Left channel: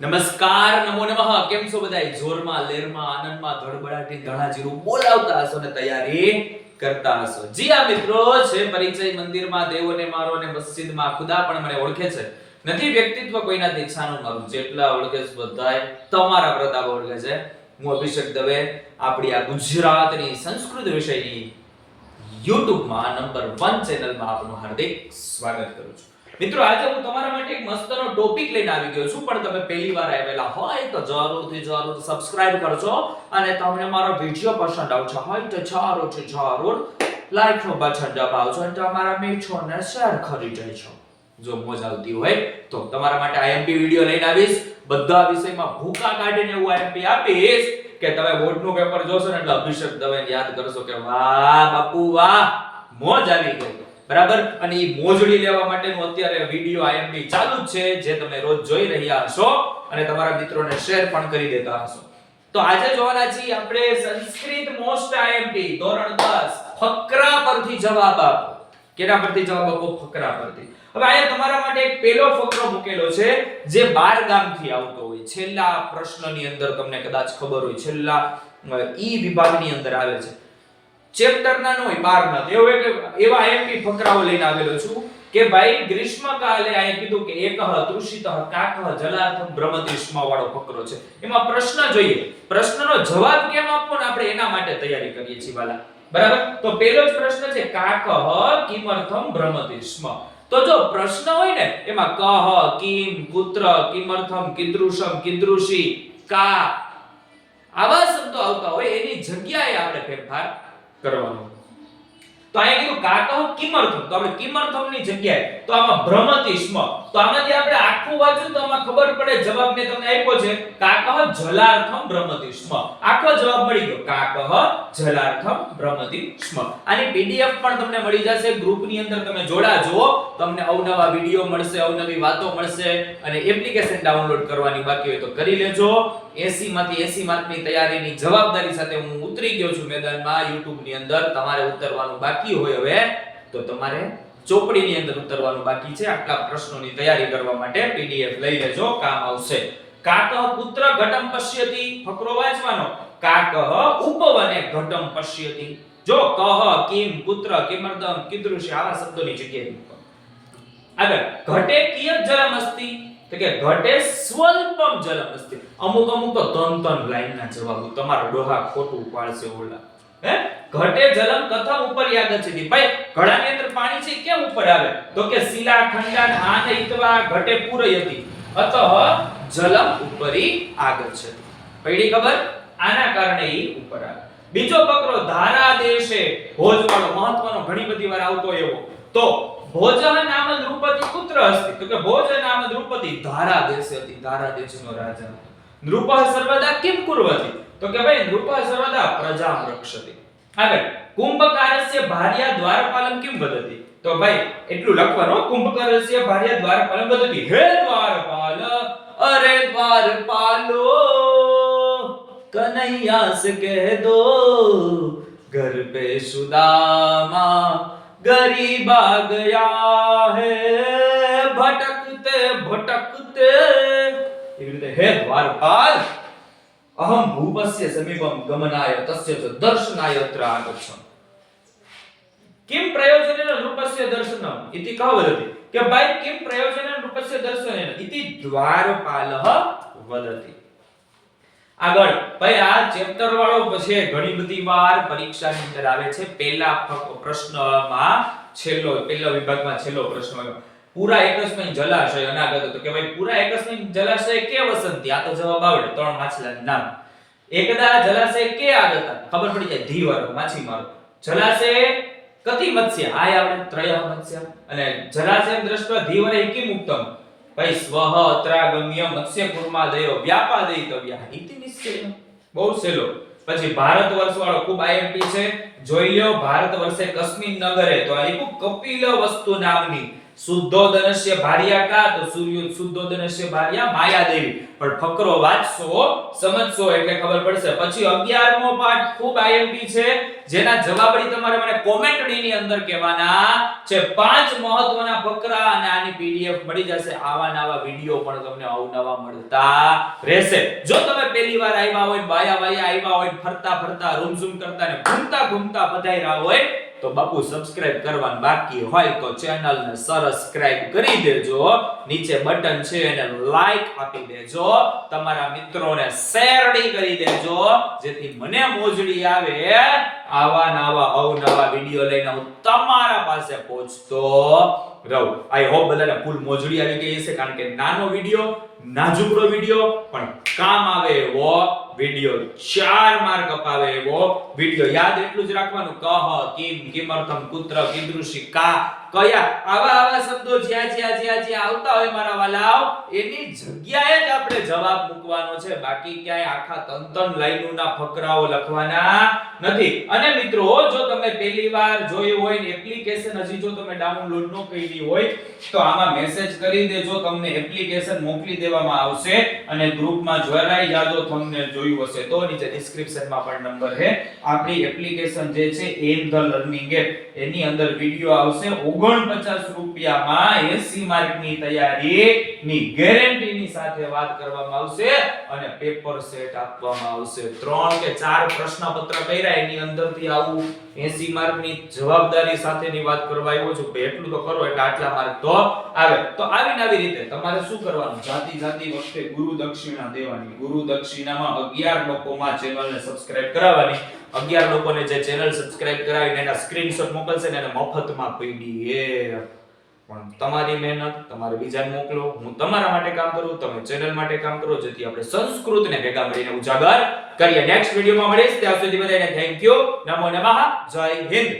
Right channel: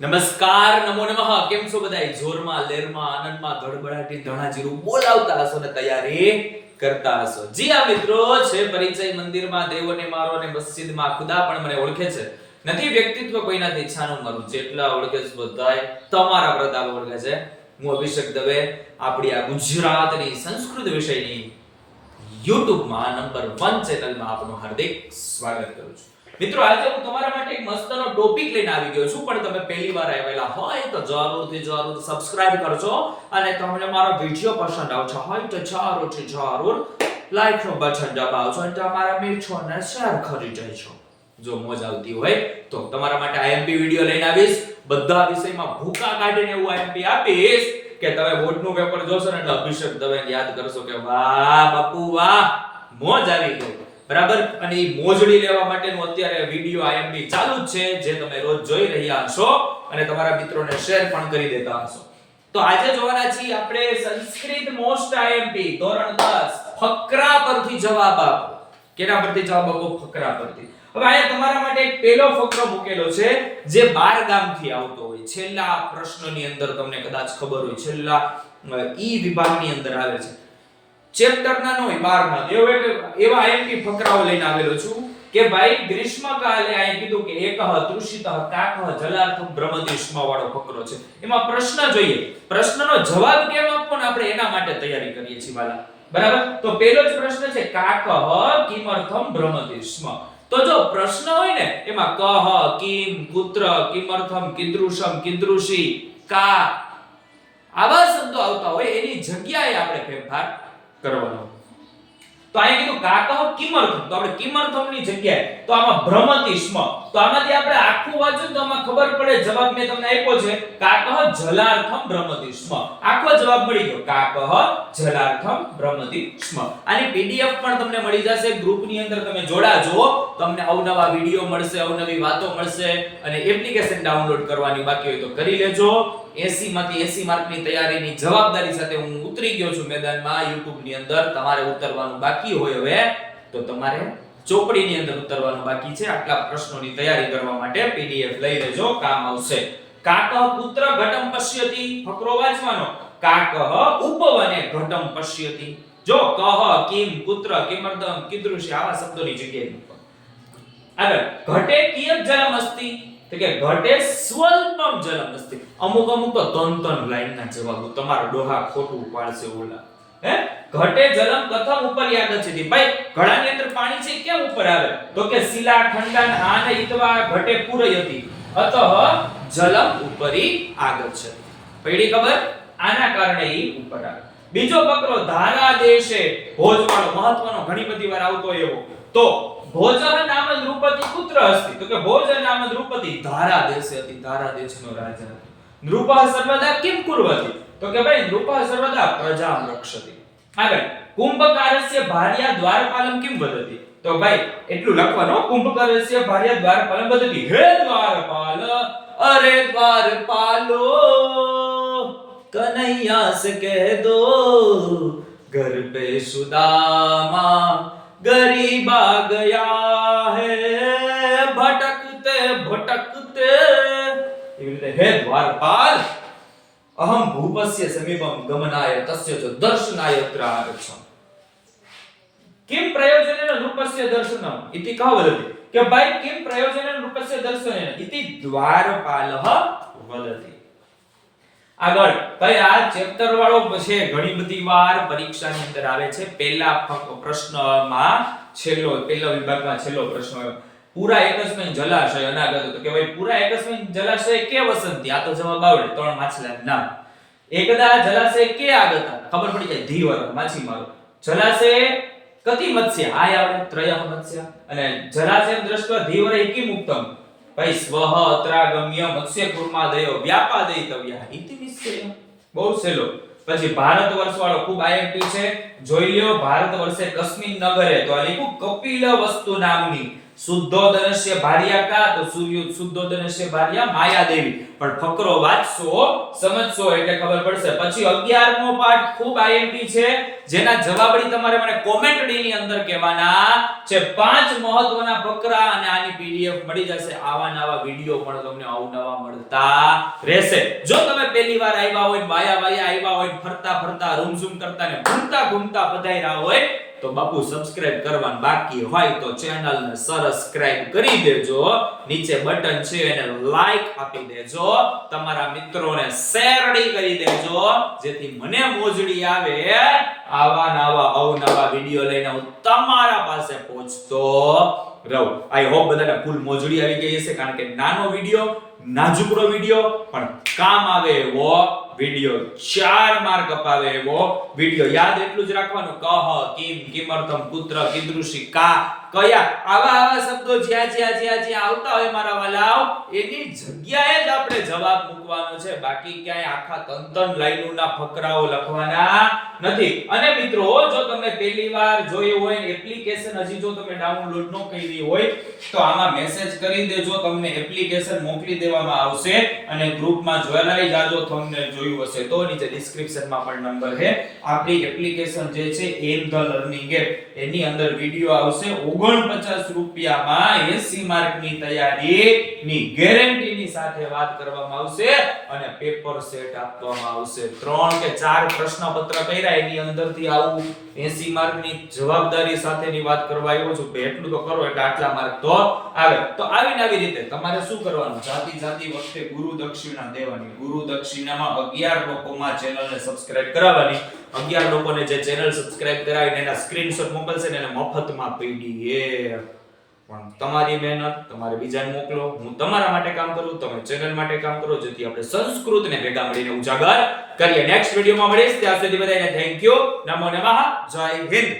નમસ્કાર, નમો નમઃ. કેમ છો બધાય? જોરમાં, લેરમાં, આનંદમાં ધડબડાટી ધણાજીરું બોલાવતા હશો ને તૈયારી કરતા હશો. જી આ મિત્રો, છે પરિચય મંદિરમાં દેવોને મારો ને મસ્જિદમાં ખુદા પણ મને ઓળખે છે. નથી વ્યક્તિત્વ કોઈનાથી ઈચ્છાનું મારું. જેટલા ઓળખે છે બધાય તમારા પ્રતાપ ઓળખે છે. હું અભિષેક દવે, આપણી આ ગુજરાતની સંસ્કૃત વિષયની યુટ્યુબમાં નંબર વન ચેનલમાં આપનું હાર્દિક સ્વાગત કરું છું. મિત્રો, આજે હું તમારા માટે એક મસ્તનો ટોપિક લઈને આવી ગયો છું, પણ તમે પહેલી વાર આવેલા હોય તો જરૂરથી, જરૂર સબસ્ક્રાઇબ કરજો અને તમને મારો વીડિયો પસંદ આવશે, હોય તો જરૂરથી, જરૂર લાઈક નો બટન દબાવજો અને તમારા મિત્રોને શેર કરી દેજો. જો મોજ આવતી હોય તો તમારા માટે આઈએમપી વીડિયો લઈને આવીશ. બધા વિષયમાં ભૂકા કાઢીને એવું આઈએમપી આપીશ કે તમે બોર્ડનું પેપર જોશો ને એટલે અભિષેક દવે યાદ કરશો કે વાહ બાપુ, વાહ, મોજ આવી ગઈ. બરાબર? અને એ મોજડી લેવા માટેનો અત્યારે વીડિયો આઈએમપી ચાલુ જ છે, જે તમે રોજ જોઈ રહ્યા હશો અને તમારા મિત્રોને શેર પણ કરી દેતા હશો. તો આજે જોવાના છીએ આપણે સંસ્કૃત મોસ્ટ આઈએમપી ધોરણ 10 ફકરા પરથી જવાબ આપો. કેના પરથી જવાબ આપો? ફકરા પરથી. હવે અહીંયા તમારા માટે એક પહેલો ફકરો મૂકેલો છે, જે બાર ગામથી આવતો હોય. છેલ્લા પ્રશ્નની અંદર તમને કદાચ ખબર હોય, છેલ્લા ઈ વિભાગની અંદર આવે છે. ચેપ્ટરના નો હોય, બાર ના એવો એક એવા આઈએમપી ફકરાઓ લઈને આવેલો છું કે ભાઈ, ગ્રીષ્મકાલે અહીં કીધું કે એકહ તૃષિતઃ કાકહ જલાર્થમ બ્રહ્મતિષ્મા વાળો ફકરો છે. એમાં પ્રશ્ન જોઈએ. પ્રશ્નનો જવાબ કેમ આપવો ને આપણે એના માટે તૈયારી કરીએ છીએ, વાલા. બરાબર? તો પહેલો જ પ્રશ્ન છે કાકહ કિમર્થમ બ્રહ્મતિષ્મ તો જો પ્રશ્ન હોય ને, એમાં કહ કિમ પુત્ર કિમર્થમ, કિદ્રુષમ કીદૃશી કા આવા શબ્દો આવતા હોય, એની જગ્યાએ આપણે ફેરફાર કરવાનો. તો અહીંયા કીધું કાતહ કિમર્થમ. તો આપણે કિમર્થમની જગ્યાએ, તો આમાં ભ્રમતિષ્મ. તો આમાંથી આપણે આખું વાંચ્યું તો આમાં ખબર પડે, જવાબ મેં તમને આપ્યો છે કાકહ જલાર્થમ ભ્રમતિષ્મ. આખો જવાબ મળી ગયો કાકહ જલાર્થમ ભ્રમતિષ્મ. આની પીડીએફ પણ તમને મળી જશે, ગ્રુપની અંદર તમે જોડાજો તમને અવનવા વીડિયો મળશે, અવનવી વાતો મળશે અને એપ્લિકેશન ડાઉનલોડ કરવાની બાકી હોય તો કરી લેજો. 80 માંથી 80 માર્કની તૈયારીની જવાબદારી સાથે હું ઉતરી ગયો છું મેદાનમાં YouTube ની અંદર તમારે ઉતરવાનું બાકી હોય હવે, તો તમારે ચોપડીની અંદર ઉતરવાનું બાકી છે. આટલા પ્રશ્નોની તૈયારી કરવા માટે પીડીએફ લઈ લેજો, કામ આવશે. કાકહ પુત્ર ઘટમ પશ્યતિ, ફકરો વાંચવાનો. કાકહ ઉપવને ઘટમ પશ્યતિ. જો કહ કિમ પુત્ર કિમર્દમ કીદૃશ, આવા શબ્દોની જગ્યાએ મૂકો. આગળ, ઘટે કિયત જલમ અસ્તિ? તો કે ઘટે સ્વલ્પમ જલમ અસ્તિ. અમુક અમુક તો તન તન લાઈનના જવાબો, તમારો ડોહા ખોટું પાડશે ઓલા. હે? ઘટે જલમ કથમ ઉપર યાગચ્છતિ ભાઈ, ઘડાની અંદર પાણી છે, કેમ ઉપર આવે? તો કે શિલા, ખંડન, આન ઇતવા ઘટે પૂરયતિ અતઃ જલમ ઉપરી આગચ્છતિ પડી ખબર? આના કારણે ઈ ઉપર આવે. બીજો ફકરો ધારા દેશે. ભોજવાળો મહત્વનો, ઘણી બધી વાર આવતો એવો. તો ભોજ નામ રૂપતિ પુત્ર હસ્તી તો કે ભોજ નામ રૂપતિ ધારા દેશે હતી. ધારા દેશનો રાજા. નૃપા સર્વદા કિમ કુર્વતી? તો કે ભાઈ નૃપા સર્વદા પ્રજામ રક્ષતી. આગળ, કુંભકારસ્ય ભાર્યા દ્વારપાલમ કિમ વદતી તો ભાઈ, એટલું લખવાનું કુંભકારસ્ય ભાર્યા દ્વારપાલમ વદતી હે દ્વારપાલ, અરે દ્વારપાલો કનૈયા કહે દો, ઘર પે સુદામા ગરીબા ગયા હે, ભટકતે ભટકતે એવી રીતે હે દ્વારપાલ અહમ ભૂપસ્ય સમીપમ ગમનાય તસ્ય ચ દર્શનાય અત્ર આગચ્છમ કિમ પ્રયોજનેન રૂપસ્ય દર્શનમ ઇતિ કહ વદતિ કે ભાઈ કિમ પ્રયોજનેન રૂપસ્ય દર્શનેન ઇતિ દ્વારપાલહ વદતિ આગળ, ભાઈ, આ ચેપ્ટર વાળો છે ઘણી બધી વાર પરીક્ષાની અંદર આવે છે. પહેલા પ્રશ્નમાં છેલ્લો, પહેલા વિભાગમાં છેલ્લો પ્રશ્ન આવ્યો. પૂરા એકસ્મિન જલાશય અનાગત તો કે ભાઈ પૂરા એકસ્મિન જલાશય કે વસંતી? આ તો જવાબ આવડે, ત્રણ માછલાના નામ. એકદા જલાશય કે આગત ખબર પડી જાય ધીવર માછીમારો જલાશય કતિ મત્સ્ય? આય આવડે ત્રય મત્સ્ય. અને જલાશયમ દ્રષ્ટ ધીવરે કિમ ઉક્તમ ભાઈ સ્વહ અત્રાગમ્ય મત્સ્ય, કુર્માદયો, વ્યાપાદયિતવ્યા. ઇતિ નિશ્ચય બહુ સહેલો. પછી ભારત વર્ષ વાળો ખૂબ આઈએમપી છે. જોઈ લ્યો, ભારત વર્ષે કસ્મિન નગરે તો આ લીધું કપિલ વસ્તુ નામની. શુદ્ધોદનસ્ય ભાર્યા કા? તો સૂર્ય શુદ્ધોદનસ્ય ભાર્યા માયાદેવી. પણ ફકરો વાંચશો, સમજશો એટલે ખબર પડશે. પછી 11મો પાઠ ખૂબ આઈએમપી છે. જેના જવાબડી તમારે મને કોમેન્ટડી ની અંદર કહેવાના છે. પાંચ મહત્વના ફકરા અને આની પીડીએફ મળી જશે. આવા નવા વિડિયો પણ તમને અવનવા મળતા રહેશે. જો તમે પહેલી વાર આવ્યા હોય વાયા વાયા આવ્યા હોય ફરતા ફરતા, રૂમ કરતા ને ઘૂમતા ઘૂમતા પધાર્યા હોય તો બાપુ સબસ્ક્રાઇબ કરવાનું બાકી હોય તો ચેનલને સબસ્ક્રાઇબ કરી દેજો. નીચે બટન છે એને લાઈક આપી દેજો. તમારા મિત્રોને શેરડી કરી દેજો. જેથી મને મોજડી આવે. આવા નવા અવનવા વિડિયો લઈને હું તમારા પાસે પહોંચતો રહું. આઈ હોપ બધાને ફૂલ મોજડી આવી ગઈ હશે, કારણ કે નાનો વિડિયો નાજુકડો વીડિયો, પણ કામ આવે એવો વીડિયો, ચાર માર્ક અપાવે એવો વીડિયો. યાદ એટલું જ રાખવાનું. કહ, કિમ, કિમર્થમ, કુત્ર કીદૃશી કા કયા? આવા આવા શબ્દો જ્યાં જ્યાં જ્યાં જ્યાં આવતા હોય મારા વાલાઓ, એની જગ્યાએ જ આપણે જવાબ મૂકવાનો છે. બાકી ક્યાંય આખા તન તન લાઈનોના ફકરાઓ લખવાના નથી. અને મિત્રો, જો તમે પહેલી વાર જોયું હોય એપ્લિકેશન હજી જો તમે ડાઉનલોડ ન કરી હોય, તો આમાં મેસેજ કરી દેજો. તમને એપ્લિકેશન મોકલી દેવામાં આવશે અને ગ્રુપમાં જોડાઈ જાજો તમને જોયું હશે તો. નીચે ડિસ્ક્રિપ્શનમાં પણ નંબર છે. આપણી એપ્લિકેશન જે છે, એમ ધ લર્નિંગ એપ. એની અંદર વિડિયો આવશે. 49 રૂપિયામાં 80 માર્કની તૈયારીની ગેરંટીની સાથે વાત કરવામાં આવશે અને પેપર સેટ આપવામાં આવશે. ત્રણ કે ચાર પ્રશ્નપત્ર કર્યા, એની અંદરથી આવું 80 માર્કની જવાબદારી સાથેની વાત કરવા આવ્યો છું. એટલું તો કરો, એટલે આટલા માર્ક તો આવે. તો આવીને આવી રીતે તમારે શું કરવાનું? જાતિ જાતિ વખતે ગુરુ દક્ષિણા દેવાની. ગુરુ દક્ષિણામાં 11 લોકોમાં ચેનલને સબસ્ક્રાઇબ કરાવવાની. 11 લોકોને જે ચેનલ સબસ્ક્રાઇબ કરાવીને એના સ્ક્રીનશોટ મોકલશે ને એને મફતમાં પીડીએફ પણ તમારી મહેનત, તમારે બીજાને મોકલો. હું તમારા માટે કામ કરું, તમે ચેનલ માટે કામ કરો, જેથી આપણે સંસ્કૃતને ભેગા મળીને ઉજાગર કરીએ. નેક્સ્ટ વિડીયોમાં મળીશ. ત્યાં સુધી બધાને થેન્ક યુ નમો નમઃ. જય હિન્દ.